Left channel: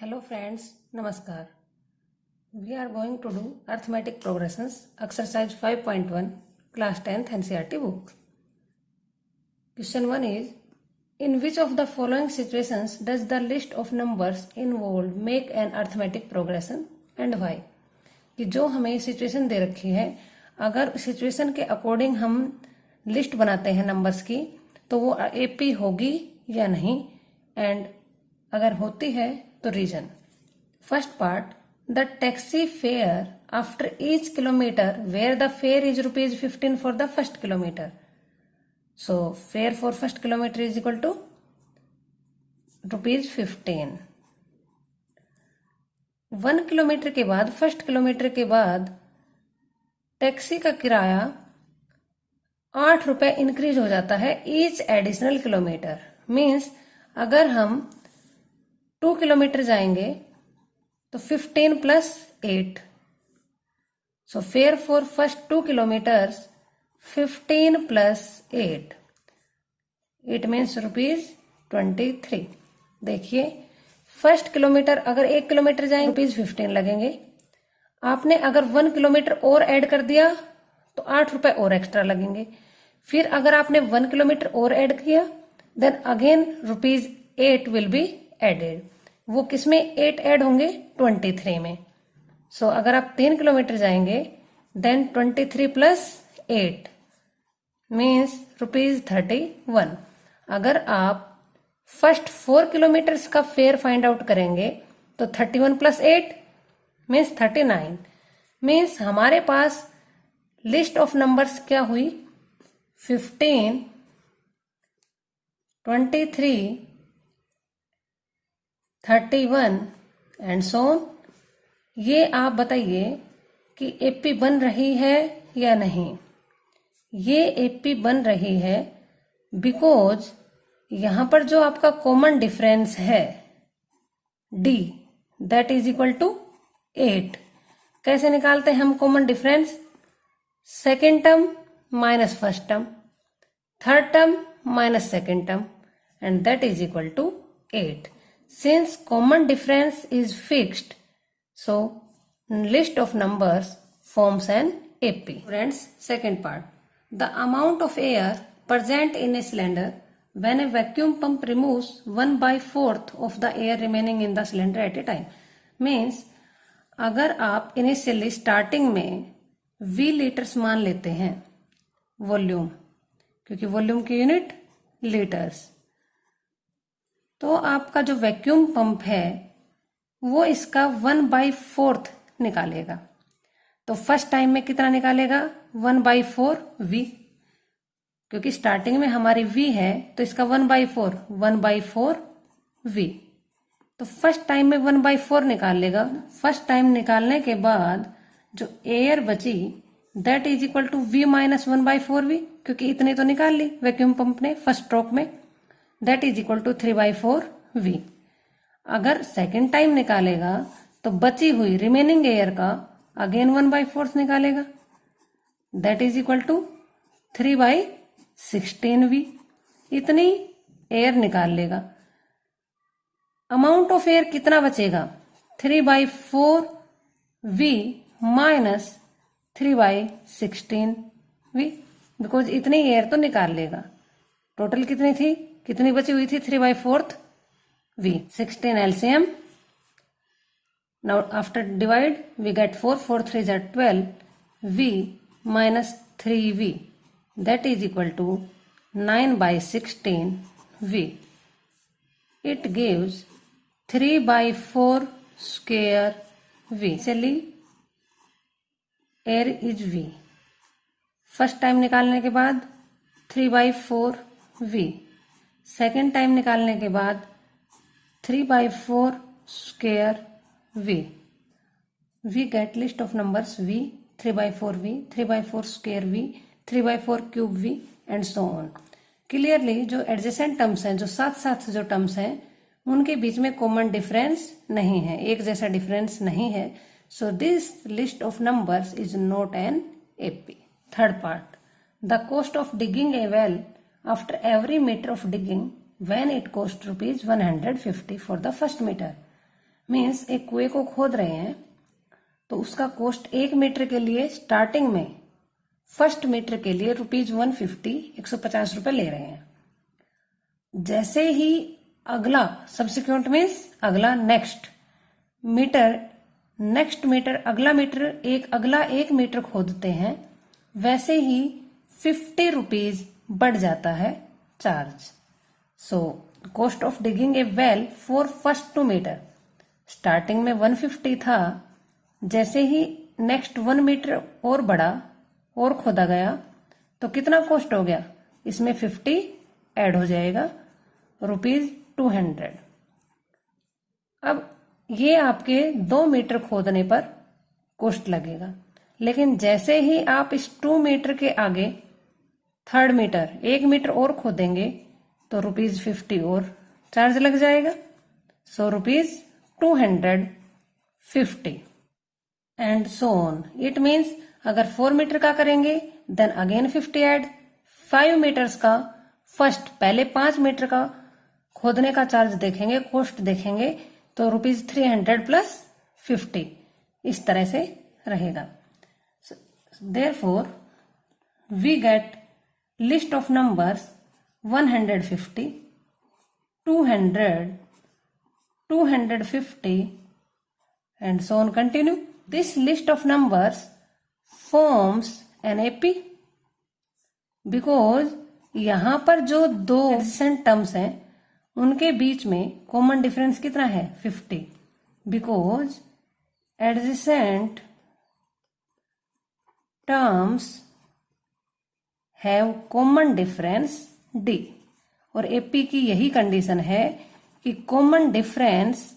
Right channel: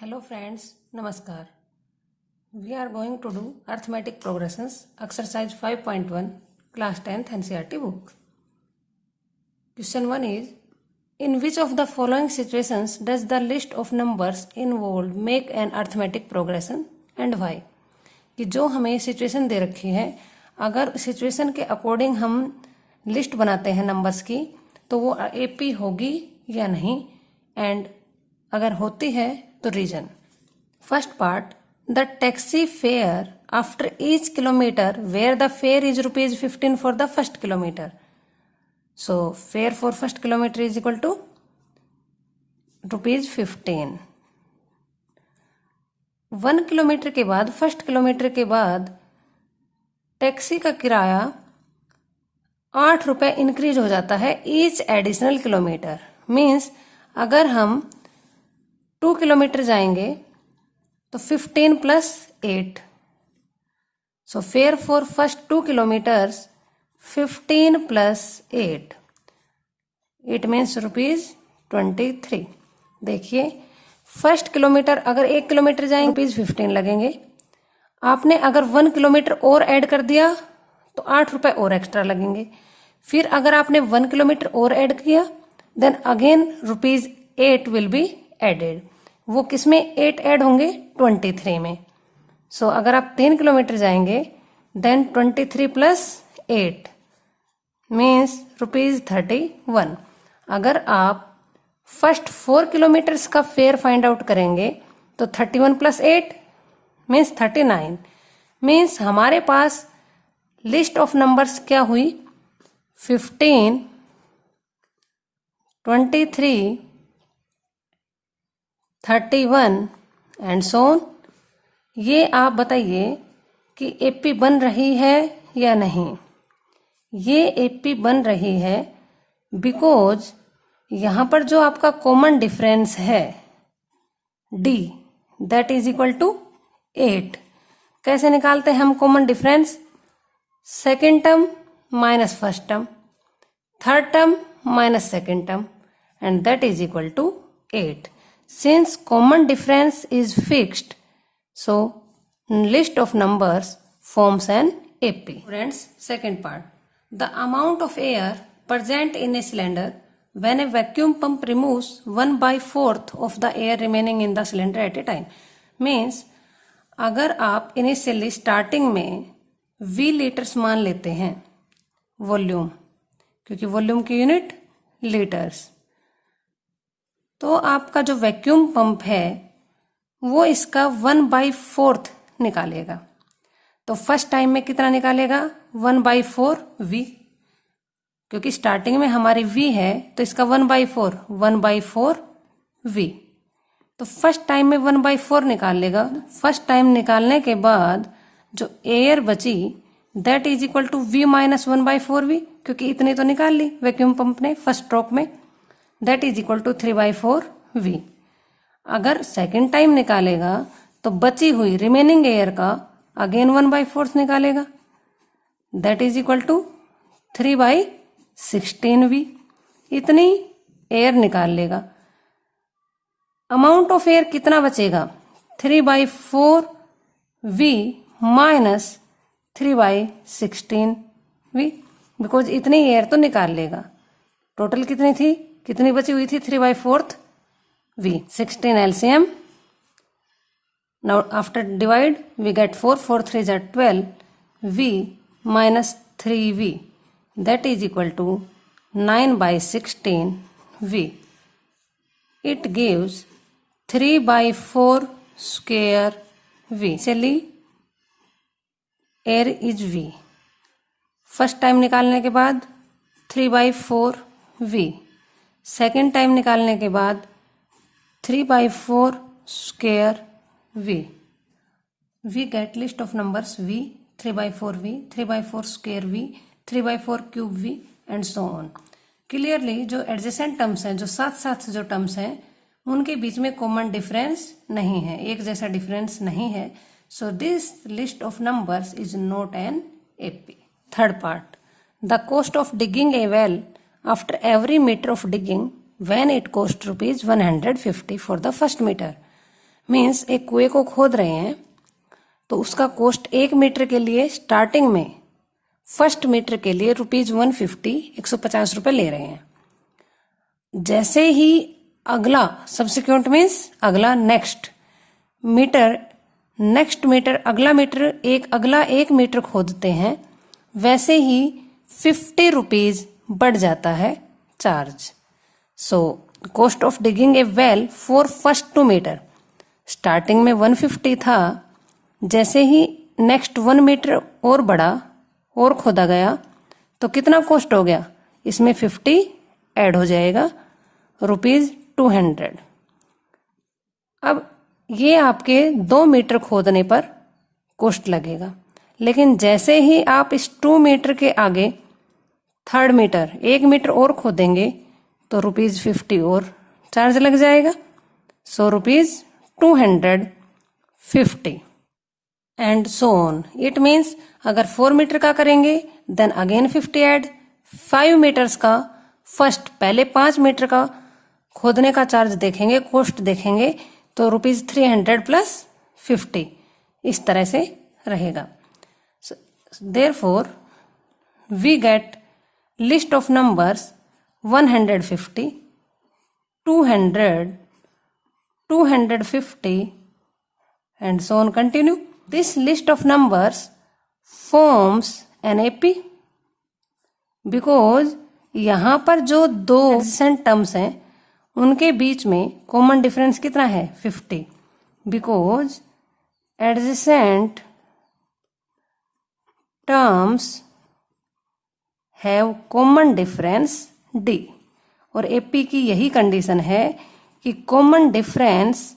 Hello friends, Namaskar. We are going to do Arithmetic Progressions, Exercise 5.1, Class 10th NCERT book. Question 1 is, in which of the following situations does the list of numbers involved make an arithmetic progression and why? कि जो हमें situation दे रखी है, अगर situation के according हम list बनाते हैं नंबर्स की तो वो एपी होगी या नहीं, एंड अगर होती है तो region. First part, the taxi fare after each kilometre where the fare is ₹15 for the first kilometre. So fare for first kilometre is equal to ₹15. 1 kilometre के बाद, फर्स्ट किलोमीटर के बाद टैक्सी का किराया ₹8 इंक्रीज हो जाता है ईच एडिशनल किलोमीटर. मीन्स अगर हम 2 किलोमीटर जाएंगे तो 15 + 8. सो fare for first 2 kilometres 15 + 8. It means ₹23. देखिए, फर्स्ट किलोमीटर अगर 1 किलोमीटर जाएंगे ₹15 लगेंगे. आपने अगर 1 किलोमीटर और ऐड कर दिया तो ₹8 और एक्स्ट्रा लगेंगे. फिर अगर आपने 1 किलोमीटर और ऐड किया then again ₹8 will be added. वो किसमें 8 ऐड होंगे? 23 में. सो अगर आप 3 किलोमीटर जाएंगे देन 23 + 8 मीन्स ₹31. अगर आप फर्स्ट 4 किलोमीटर्स का फेयर फाइंड आउट करेंगे तो 31 + 8 मीन्स 39. मीन्स हमारे पास लिस्ट ऑफ नंबर्स क्या हुई? 15, 23, 31 एंड सो ऑन. ये आप बताइए कि एपी बन रही है या नहीं. ये एपी बन रही है बिकॉज यहां पर जो आपका कॉमन डिफरेंस है D that is equal to 8. कैसे निकालते हैं हम common difference? Second term minus first term, third term minus second term, and that is equal to 8. Since common difference is fixed, so list of numbers forms an AP. Friends, second part. The amount of air present in a cylinder when a vacuum pump removes 1/4 of the air remaining in the cylinder at a time. Means अगर आप initially starting में V litres मान लेते हैं volume, क्योंकि volume की unit litres, तो आपका जो वैक्यूम पंप है वो इसका 1/4 निकालेगा. तो फर्स्ट टाइम में कितना निकालेगा? 1/4 V, क्योंकि स्टार्टिंग में हमारी V है तो इसका 1/4 V. तो फर्स्ट टाइम में 1/4 निकाल लेगा. फर्स्ट टाइम निकालने के बाद जो एयर बची that is equal to V - 1/4 V, क्योंकि इतनी तो निकाल ली वैक्यूम पंप ने फर्स्ट स्ट्रोक में. That is equal to 3/4 V. अगर सेकेंड टाइम निकालेगा तो बची हुई रिमेनिंग एयर का अगेन 1/4 निकालेगा. That is equal to 3/16 V. इतनी एयर निकाल लेगा. अमाउंट ऑफ एयर कितना बचेगा? 3/4 V माइनस 3/16 V, बिकॉज इतनी एयर तो निकाल लेगा. टोटल कितनी थी? कितनी बची हुई थी? 3/4 V. 16 LCM. Now after divide we get 4. 4 3s are 12 V minus 3V. That is equal to 9/16 V. It gives 3/4 square V. Actually air is V. First time निकालने के बाद 3/4 V. सेकेंड टाइम निकालने के बाद 3/4 square V. We get list of numbers V, 3/4 V, 3/4 square V, 3/4 cube V and so on. Clearly जो adjacent terms हैं, जो साथ साथ जो टर्म्स हैं, उनके बीच में कॉमन डिफरेंस नहीं है, एक जैसा डिफरेंस नहीं है. So this list of numbers is not an AP. Third part, the cost of digging a well after every meter of digging when it cost ₹150 for the first meter. Means एक कुएं को खोद रहे हैं तो उसका कॉस्ट 1 मीटर के लिए स्टार्टिंग में फर्स्ट मीटर के लिए ₹150 150 ले रहे हैं। जैसे ही अगला सब्सिक्वेंट मीन्स अगला नेक्स्ट मीटर अगला एक मीटर खोदते हैं, वैसे ही ₹50 बढ़ जाता है charge. So cost of digging a well for first 2 metre starting में 150 था, जैसे ही नेक्स्ट 1 मीटर और बढ़ा और खोदा गया तो कितना कॉस्ट हो गया, इसमें 50 ऐड हो जाएगा, ₹200। अब ये आपके 2 मीटर खोदने पर कॉस्ट लगेगा, लेकिन जैसे ही आप इस 2 मीटर के आगे 3rd मीटर 1 मीटर और खोदेंगे तो ₹50 और चार्ज लग जाएगा। सो ₹250 and so on. It means अगर 4 मीटर का करेंगे देन अगेन 50 ऐड, 5 मीटर्स का फर्स्ट पहले 5 मीटर का खोदने का चार्ज देखेंगे, कॉस्ट देखेंगे तो ₹300 प्लस 50 इस तरह से रहेगा। Therefore we get list of numbers 150, 200, 250 and so on continue. This list of numbers forms an AP because यहाँ पर जो 2 adjacent terms हैं उनके बीच में कॉमन डिफरेंस कितना है 50, because adjacent terms have common difference D। और AP की यही कंडीशन है कि कॉमन डिफरेंस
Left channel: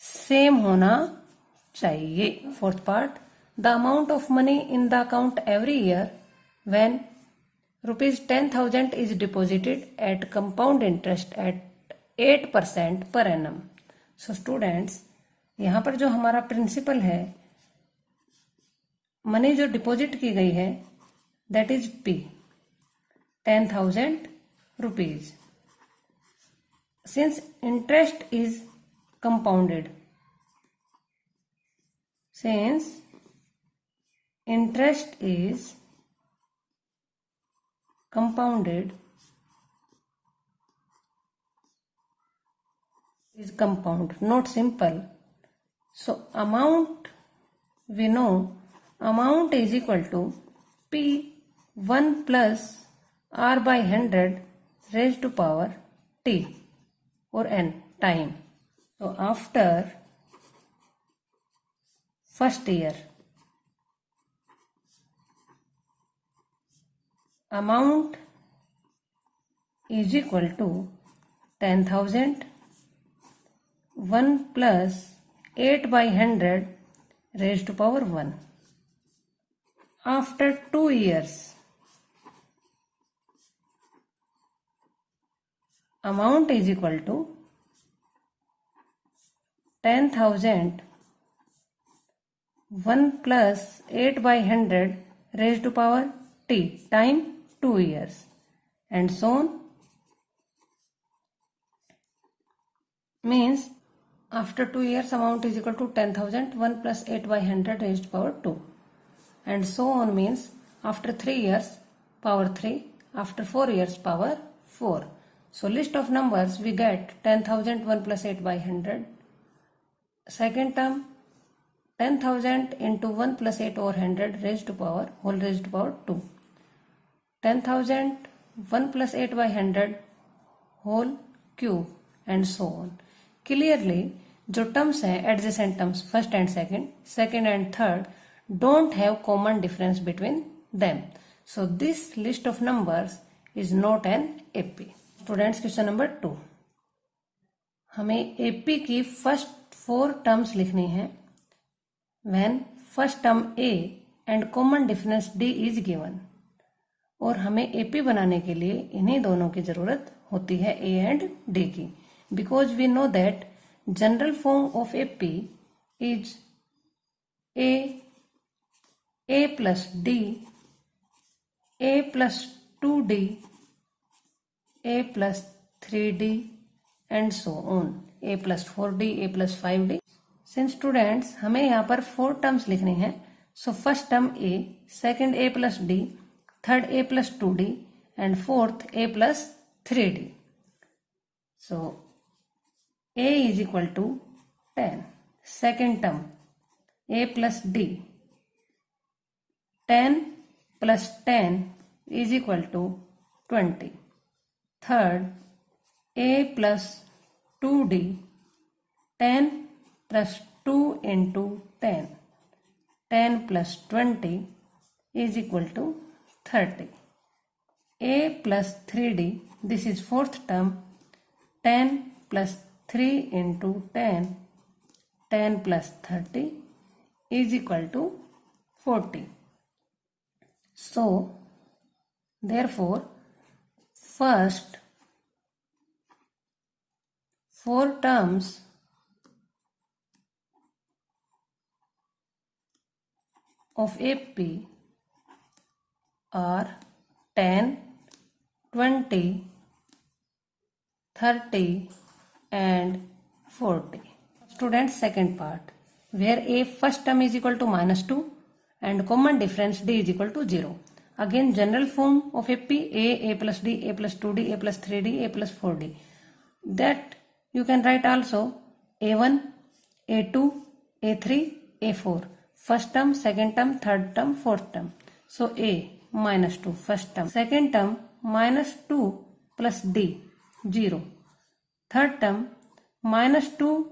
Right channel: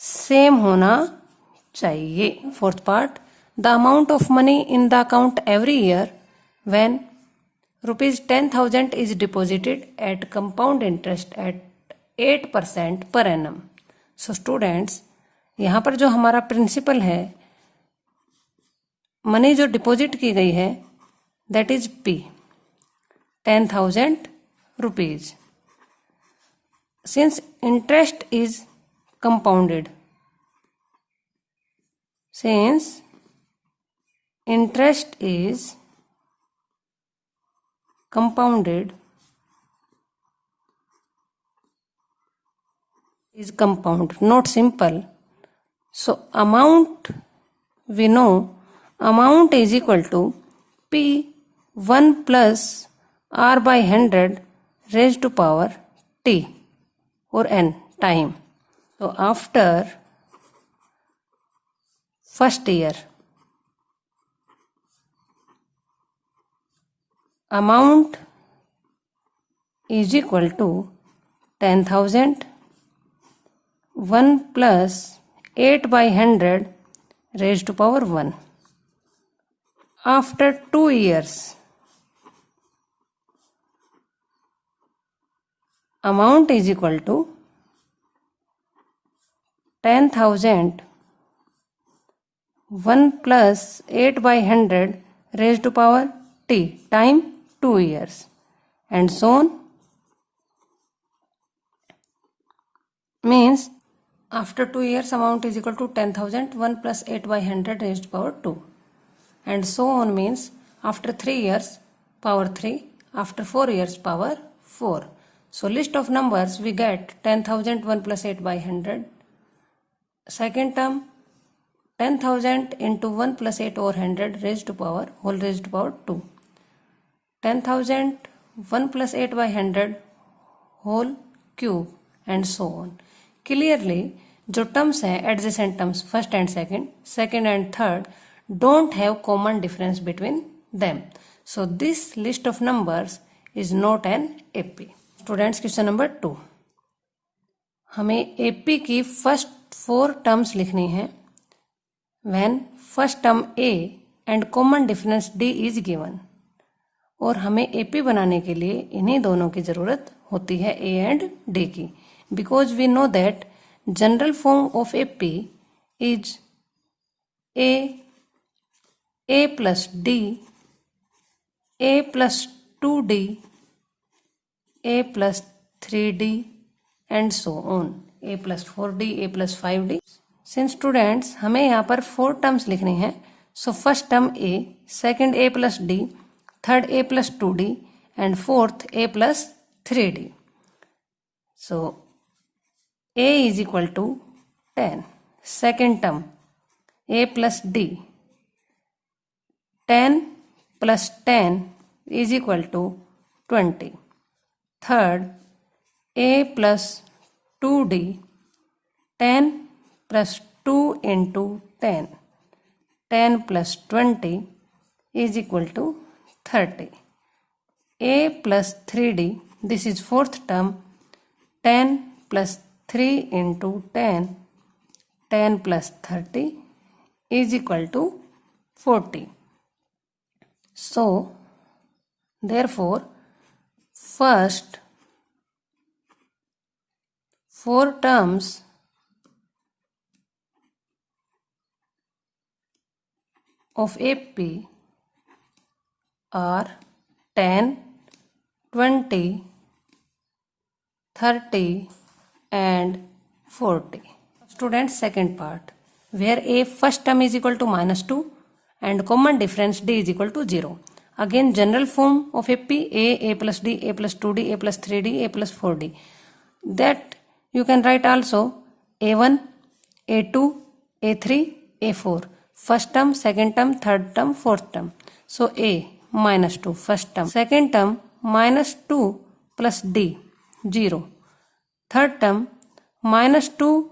सेम होना चाहिए। 4th part, the amount of money in the account every year when ₹10,000 is deposited at compound interest at 8% per annum. So students, यहाँ पर जो हमारा प्रिंसिपल है, मनी जो डिपॉजिट की गई है that is P, ₹10,000। Since interest is compounded, since interest is compounded, is compound, not simple. So amount, we know amount is equal to P1 plus R by 100 raised to power T or n time. So after first year, amount is equal to 10,000, 1 plus 8 by 100 raised to power 1. After 2 years, amount is equal to 10,000, 1 plus 8 by 100 raised to power T time 2 years and so on. Means after 2 years amount is equal to 10,000, 1 plus 8 by 100 raised to power 2 and so on. Means after 3 years power 3, after 4 years power 4. So list of numbers we get 10,000, 1 plus 8 by 100. Second term 10,000 into 1 plus 8 over 100 raised to power whole raised to power 2. 10,000 1 plus 8 by 100 whole cube and so on. Clearly जो terms हैं adjacent terms first and second and third don't have common difference between them. So this list of numbers is not an AP. Students question number 2, हमें AP की first 4 terms लिखनी है when first term A and common difference D is given. और हमें AP बनाने के लिए इन्हीं दोनों की जरूरत होती है A एंड D की, because we know that general form of AP is A plus D, A plus 2D, A plus 3D and so on, A plus 4D, A plus 5D since students हमें यहाँ पर 4 terms लिखने हैं, so first term A, second A plus D, third A plus 2d and fourth A plus 3d. So a is equal to 10. Second term a plus d, 10 plus 10 is equal to 20. Third a plus 2d, 10 plus 2 into 10, 10 plus 20 is equal to 30. a plus 3d, this is fourth term, 10 plus 3 into 10, 10 plus 30 is equal to 40. So, therefore, first 4 terms of AP are 10, 20, 30 and 40. Students, second part, where a first term is equal to minus 2 and common difference d is equal to 0. Again, general form of AP, a plus d, a plus 2d, a plus 3d, a plus 4d. That you can write also a1, a2, a3, a4. First term, second term, third term, fourth term. So a minus 2 first term. Second term minus 2 plus d, 0. Third term minus 2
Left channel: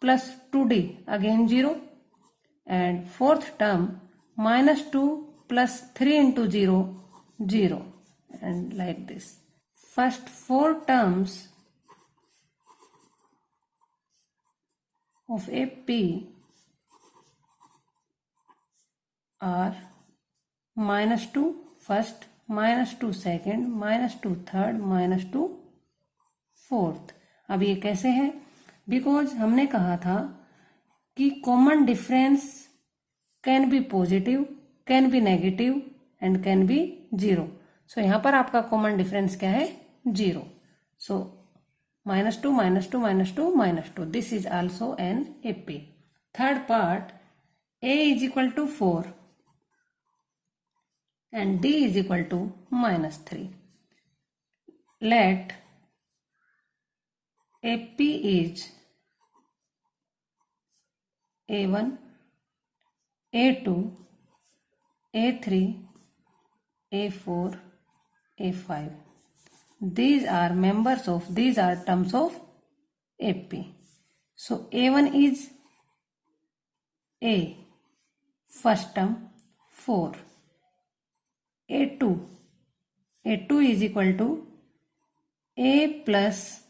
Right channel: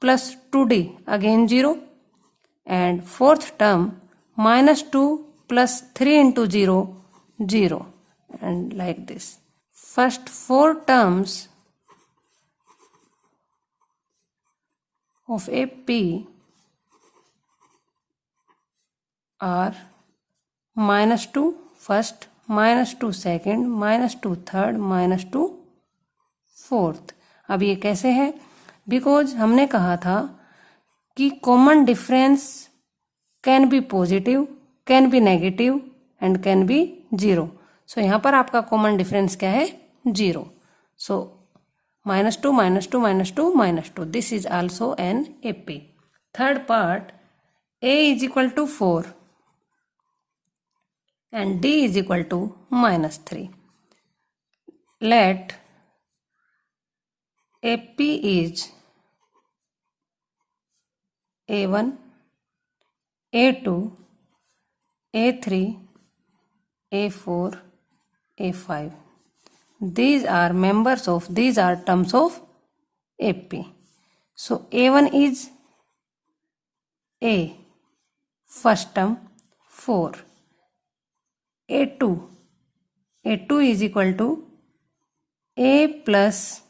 plus 2d, again 0. And fourth term minus 2 plus 3 into 0, 0. And like this. First 4 terms of AP are minus 2 first, minus 2 second, minus 2 third, minus 2 fourth. अब ये कैसे है? Because हमने कहा था कि common difference can be positive, can be negative and can be zero. So यहाँ पर आपका कॉमन डिफरेंस क्या है? Zero. So minus 2, minus 2, minus 2, minus 2. This is also an AP. Third part, a is equal to 4 and d is equal to minus 3. Let AP is A1, A2, A3, A4, A5. These are terms of AP. So A1 is A, first term 4. A2 is equal to A plus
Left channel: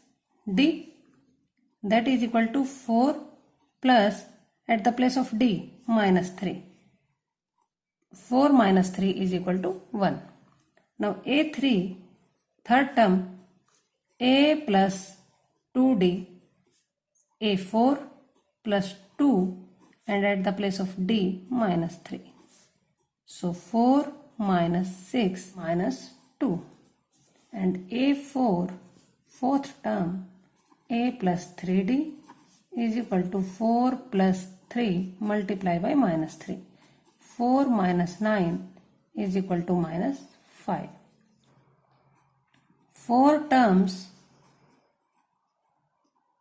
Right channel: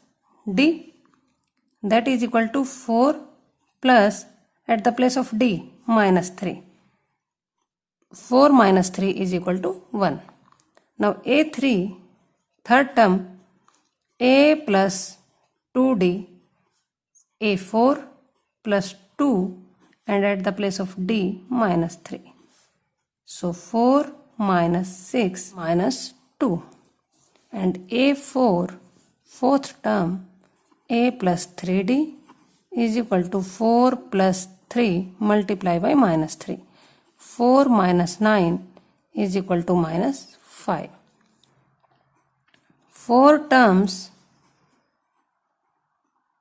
D, that is equal to 4 plus at the place of D minus 3. 4 minus 3 is equal to 1. Now A3, third term a plus 2d, a4 plus 2 and at the place of d minus 3. So 4 minus 6 minus 2 and a4 fourth term a plus 3d is equal to 4 plus 3 multiplied by minus 3. 4 minus 9 is equal to minus 5. 4 terms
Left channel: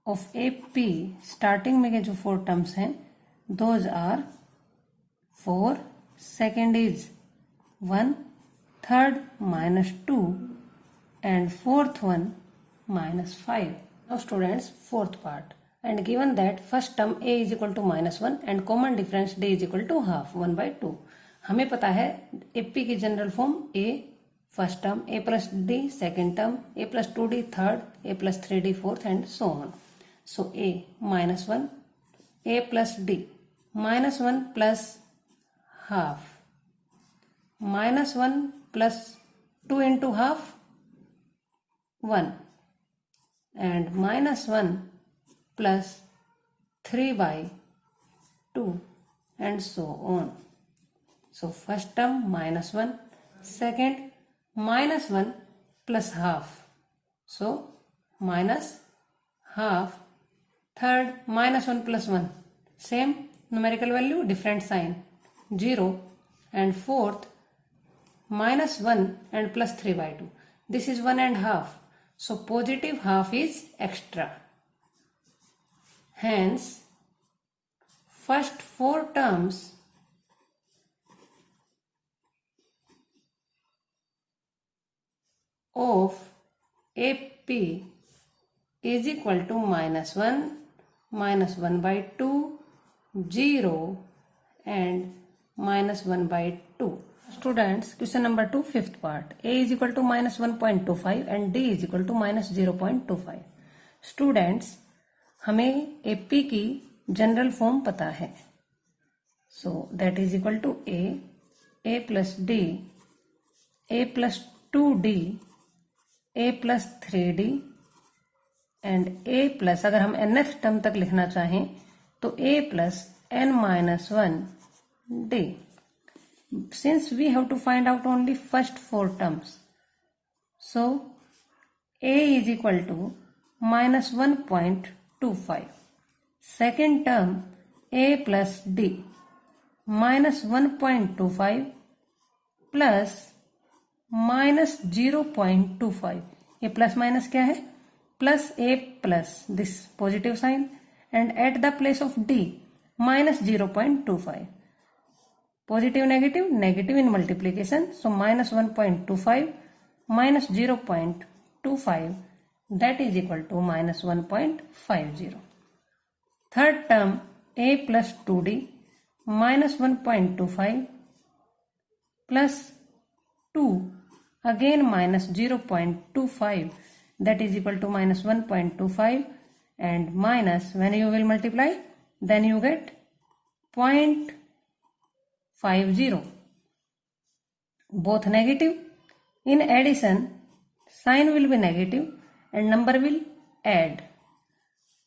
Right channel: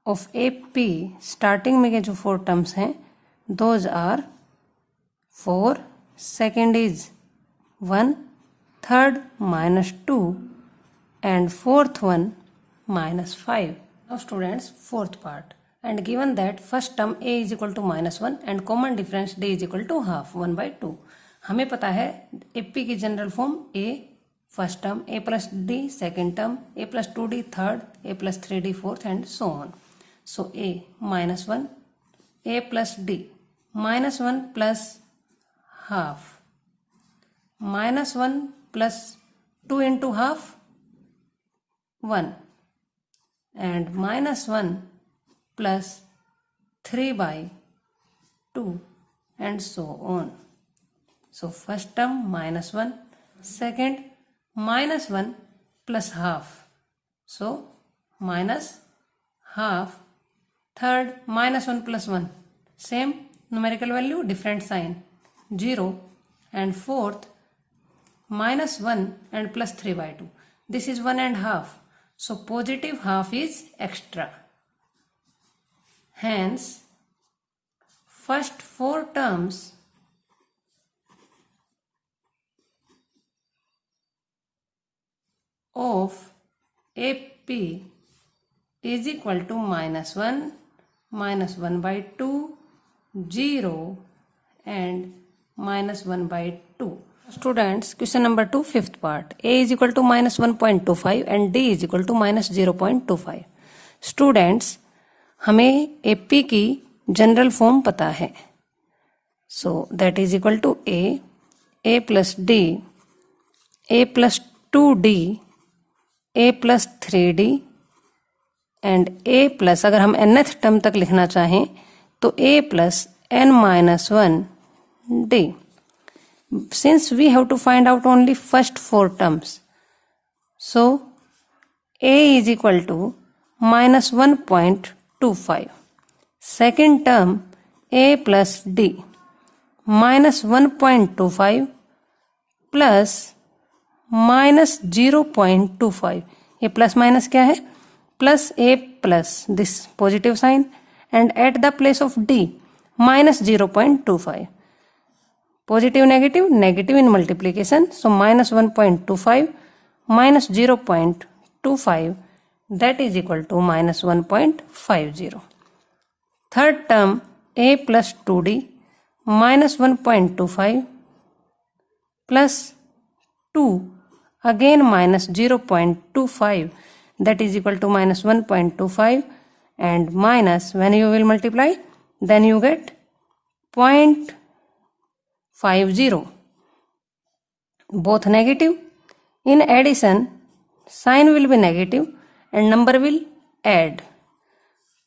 of AP starting में के जो 4 terms हैं those are 4, second is 1, third minus 2 and fourth one minus 5. Now students, fourth part, and given that first term a is equal to minus 1 and common difference d is equal to half 1 by 2. हमें पता है AP की general form a first term, a plus d second term, a plus 2d third, a plus 3d fourth and so on. So a minus 1, a plus d, minus 1 plus half, minus 1 plus 2 into half 1 and minus 1 plus 3 by 2 and so on. So first term minus 1, second minus 1 plus half, so minus half, third minus 1 plus 1 Same numerical value, different sign. 0 and fourth minus 1 and plus 3 by 2. This is 1 and half. So positive half is extra. Hence, first 4 terms of AP is equal to minus 1 by 2, 0 and minus 1 by 2. Students, question number 2, fifth part. A is equal to minus 1.25 and D is equal to minus 0.25. Students, हमें AP की general form पता है. So that is equal to A plus D, A plus 2D, A plus 3D and A plus, अगर हम nth term तक लिखना चाहें तो A plus n minus 1 D. Since we have to find out only first 4 terms, so A is equal to minus 1.25. Second term A plus D minus 1.25 plus minus 0.25. ये plus minus क्या है? Plus A plus this positive sign and at the place of D minus 0.25. Positive negative, negative in multiplication. So minus 1.25 minus 0.25, that is equal to minus 1.50. Third term A plus 2D minus 1.25 plus 2 again minus 0.25, that is equal to minus 1.25 and minus, when you will multiply then you get 0.50. Both negative. In addition, sign will be negative and number will add.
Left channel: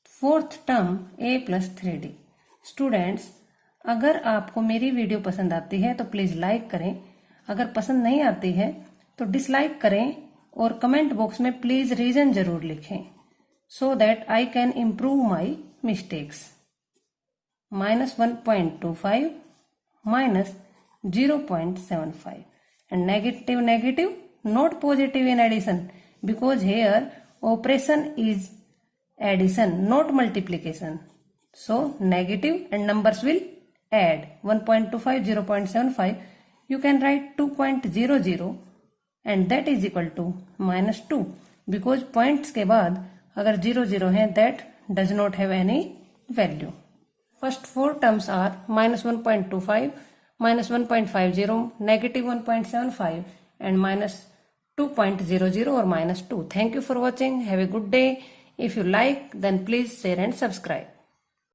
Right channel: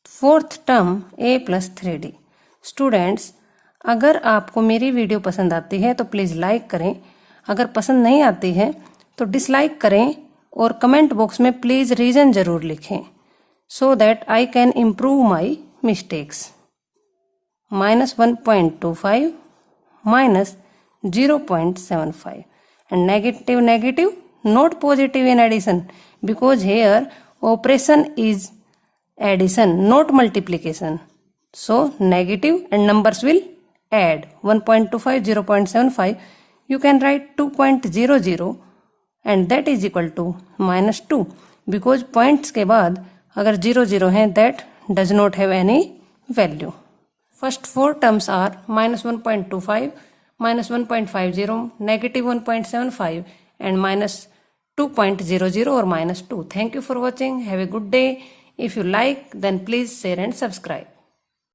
Fourth term A plus 3D. Students, अगर आपको मेरी video पसंद आती है तो please like करें. अगर पसंद नहीं आती है तो डिसलाइक करें और कमेंट बॉक्स में प्लीज़ रीज़न ज़रूर लिखें, so that I can improve my mistakes. minus 1.25 minus 0.75 and negative negative, not positive in addition, because here operation is addition, not multiplication. So negative and numbers will add. 1.25, 0.75, you can write 2.00 and that is equal to minus 2, because points के बाद अगर 0 है that does not have any value. First 4 terms are minus 1.25, minus 1.50, negative 1.75 and minus 2.00 or minus 2. Thank you for watching. Have a good day. If you like, then please share and subscribe.